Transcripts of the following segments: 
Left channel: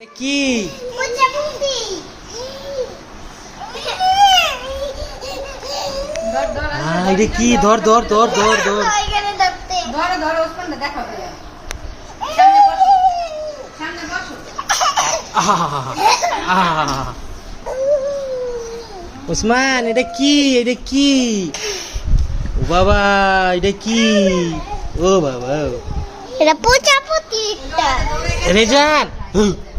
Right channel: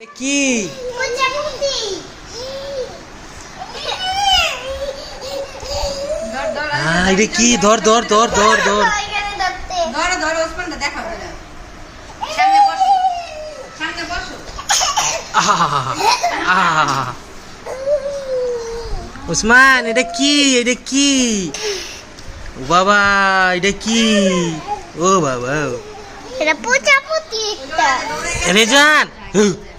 কি হ্যাঁ কি? ধর ধর ধর ধর ধর। ধরো ধরো ওসমানটা দেখা সামনে বসো। সামনে বসো। ওসমান এটা কি? এটা কি? ও বাবা এটা কি? ও বাবা এটা প্রজাপতি রেজান।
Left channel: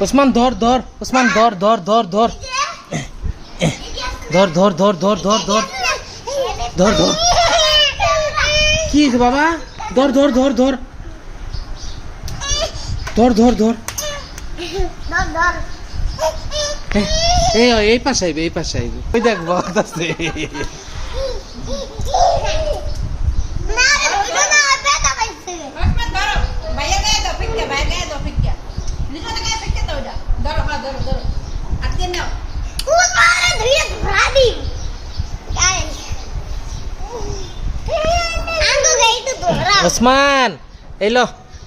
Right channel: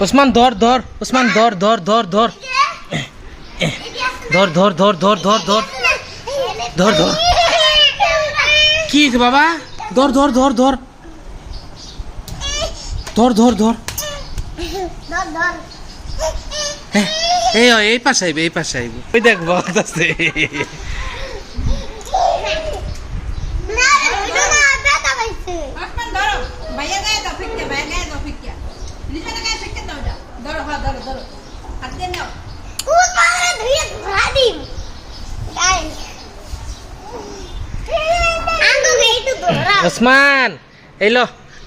ওসমান ধর ধর ওসমান ধর ধর ধর ধর ধর ধর ধর ধর ধর ধর ধর ধর কি বাবা ধর ধর ধর ধর ধর ধর ধর হ্যাঁ, এই এই পাশে আইবে এই পাশে আইবে ওই দেখ ওসমান এই লো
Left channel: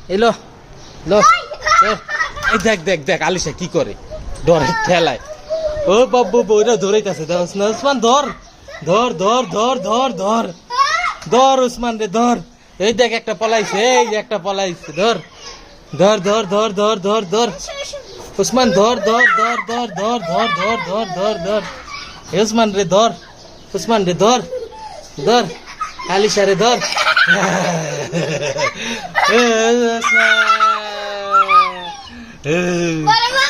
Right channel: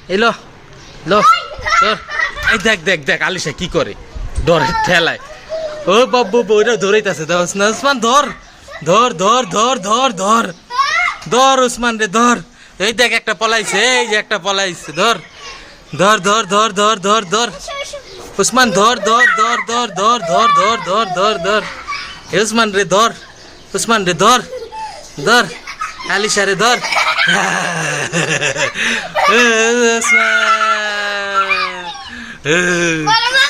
এই লো এই দেখ দেখ দেখ আলিশা কি করে ডরে ঠেলায় ও বাবু বইরা ধরেইতাছে ধর ওসমান ওসমান ধর ধর ধর ধর ধর ধর ধর ওসমান রে ধর এই দেখ একটা পলাইছে এই যে একটা পলাইছে ধর ধর ধর ধর ধর ধর ধর ওসমান ধর ধর ধর ধর ধর ধর ধর ধর ধর ধর ওসমান রে ধর ওসমান রে ধর ধর আলিশা রে ধর Esma. Para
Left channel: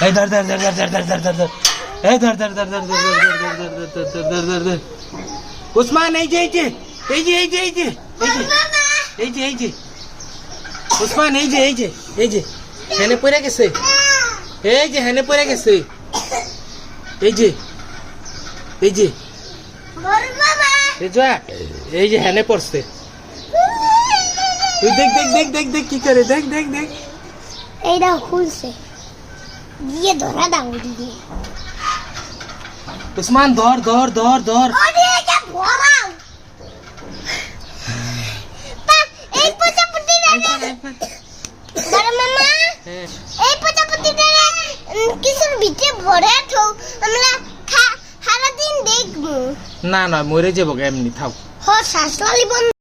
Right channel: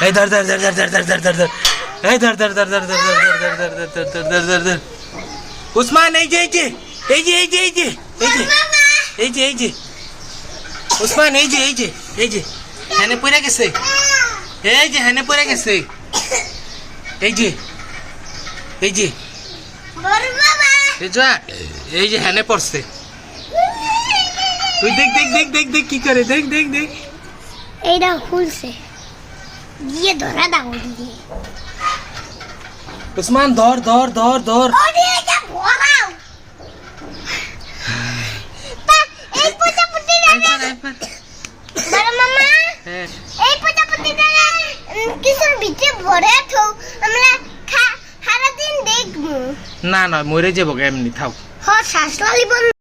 Hey der der der der der der der der der. Hey der der der der der der der der der der der der der der der. Osman Ece Ece. Ece Ece Ece. Ece. Ece Ece. Osman Ece Ece. Ece. এই যে এই যে উসমান এই যে এই যে এই যে হ্যানে পড়ে গেছে এই যে হ্যানে পড়ে গেছে এই যে এই যে এই যা এই যে হ্যানে পড়ছে তুই দেখ দেখ দেখ দেখ দেখ কি করে দেখ দেখ দেখ এইটা খুলছে গিয়ে ধরা দাও দিয়ে উসমান ধর ধর ধর ধর ওরে এটা ভরাও পা, এই প্রজাপতিটা আইফোন আইফোন ধরো মামা হ্যাঁ। এই প্রজাপতিটা উম, কিছুর ভিতরে ভরে আমরা সারাদিন দেখব। না না মরে যাব এমনি থাক। হ শ্বাস লালি বন্ধ।